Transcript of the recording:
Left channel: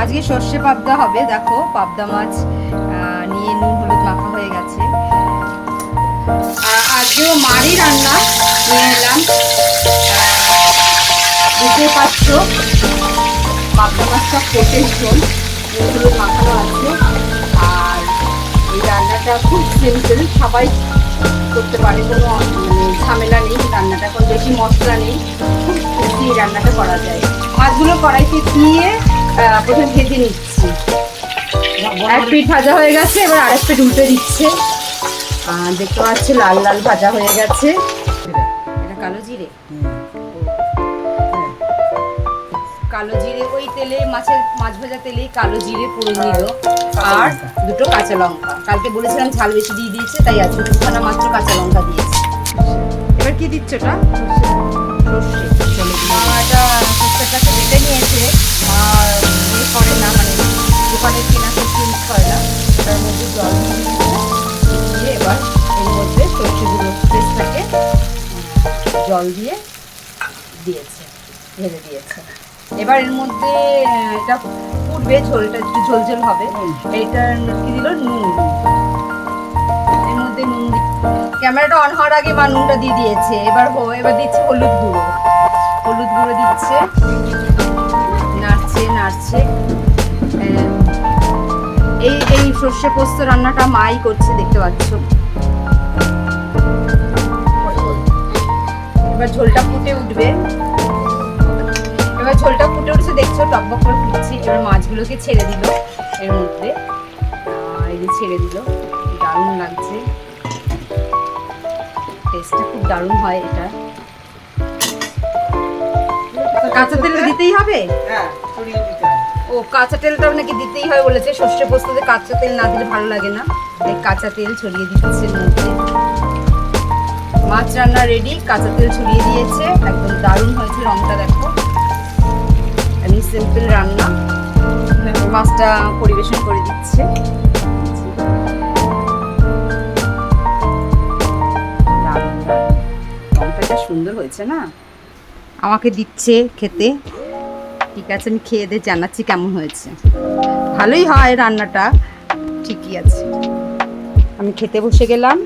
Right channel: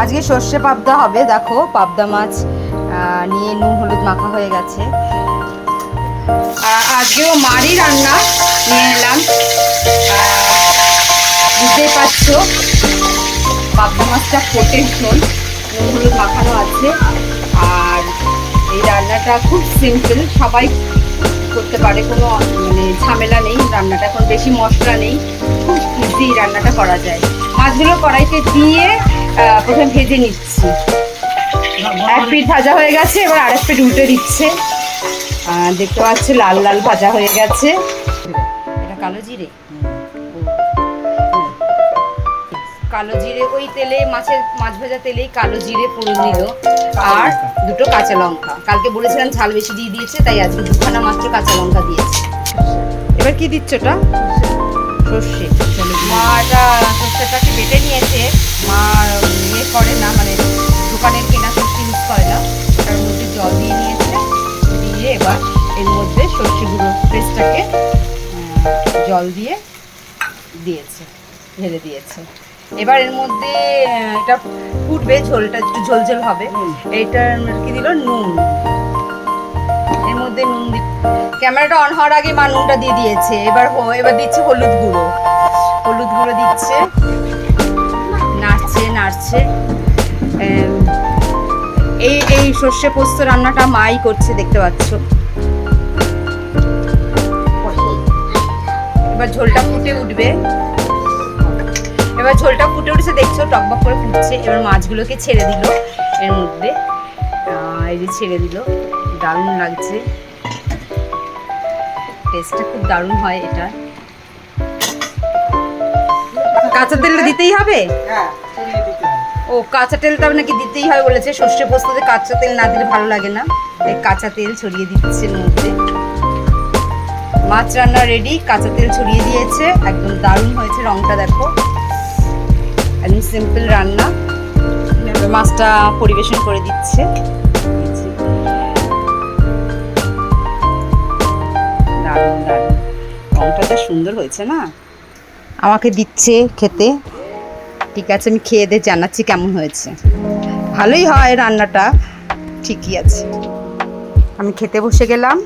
আজকে সর্ষে পাবদা হবে। দেখো পাবদা মাছ নিয়ে নুন হলুদ মাখা হয়ে গেছে। আজকেও মারই রান্না নিয়ে এলাম। বুঝতেই পারছো পাবদা মাছটা ফোটের ঝোল, নুন হলুদ মাখানো আছে। আর এই রান্নাটা খুব সিম্পল, সবাই করতে পারে, কোনো মানে ঝামেলা নেই। রান্নাটা এখন বেশি মশলা নেই, খুব ইজি রান্নাটা করা যায়। মাছগুলো কড়াইতে দিয়ে প্রথমে ভেজে নিচ্ছি। এক পিঠ ভাজা হয়ে গেছে, এবার আরেক পিঠ উল্টে দিচ্ছে। দেখতে পাচ্ছি লাল লাল ভাজা হয়ে গেছে। এটা কালো জিরে, কালো জিরে ওই তেলে মাছ ভাজা তেলেই কালো জিরে ফোড়ন দিল, আর দুটো কাঁচা লঙ্কা। কালকে বলেছিলাম ঝাল বেশি দিয়ে দিয়েছে, তাই আজকে দুখানা মাত্র কাঁচা লঙ্কা দিয়েছে। এবার কি দিচ্ছ ওটা? সর্ষে। মা এটা সর্ষেটাকে বেটে নিয়েছে। মা ইয়ে করে না, মানে দোকানের কেনা সর্ষে ইউজ করে না। তার মধ্যে জল দিয়ে নিয়েছে, দিয়ে এবার এর মধ্যে সর্ষে গুঁড়ো পেস্টটাকে জল দিয়ে দিয়েছে, ঢেলে দিয়েছে। এবার এর মধ্যে এটা ফুটবে, ঝোলটা একটু ঝোল হবে। এইটা কি দিল? নুন। এর মধ্যে নুন, ক্যামেরাটা অন হওয়ার আগে মা নুনটা দিয়ে দিয়েছে। এবার দিচ্ছে হলুদ গুঁড়ো। হলুদ গুঁড়ো দিচ্ছে, নাড়ছে। এই সর্ষে পোস্ত রান্নাটা মাই করছে, দেখতে পাচ্ছ। এবার ঝোলটা ফুটে উঠবে। উঠেছে, দেখছো টকবক করে ফুটছে। এবার মাছগুলোকে ছেড়ে দিল এর মধ্যে। এই যে ছেড়ে দিল, দারুণ লাগছে। টেস্টটা খুব দারুণ হয় এটা। কাঁচা তেল দিতেই হবে? ও কাঁচা তেলটা নাকি দিতেই হয় বলেছে। সর্ষে পোস্ততে কাঁচা তেল না দিলে ভালো লাগে না, তাই কাঁচা তেল ছড়িয়ে দিচ্ছে এর মধ্যে। মাছ রান্না রেডি, কাঁচা তেল ছড়িয়ে দিয়েছে। একদম দারুণ হয়েছে, রংটা দেখো। আমি সিম্পল রান্না। মাছটা পরিবেশন করে দিচ্ছে। দারুণ রংটা যা সুন্দর হয়েছে না। আমাকে দিচ্ছে খেতে। ঠিক আছে, আমি খেয়ে দিয়ে জানাচ্ছি কেমন হয়েছে। ভালোই হয় রান্নাটা, ঠিকই আছে। আমি খেতে বসে গেলাম।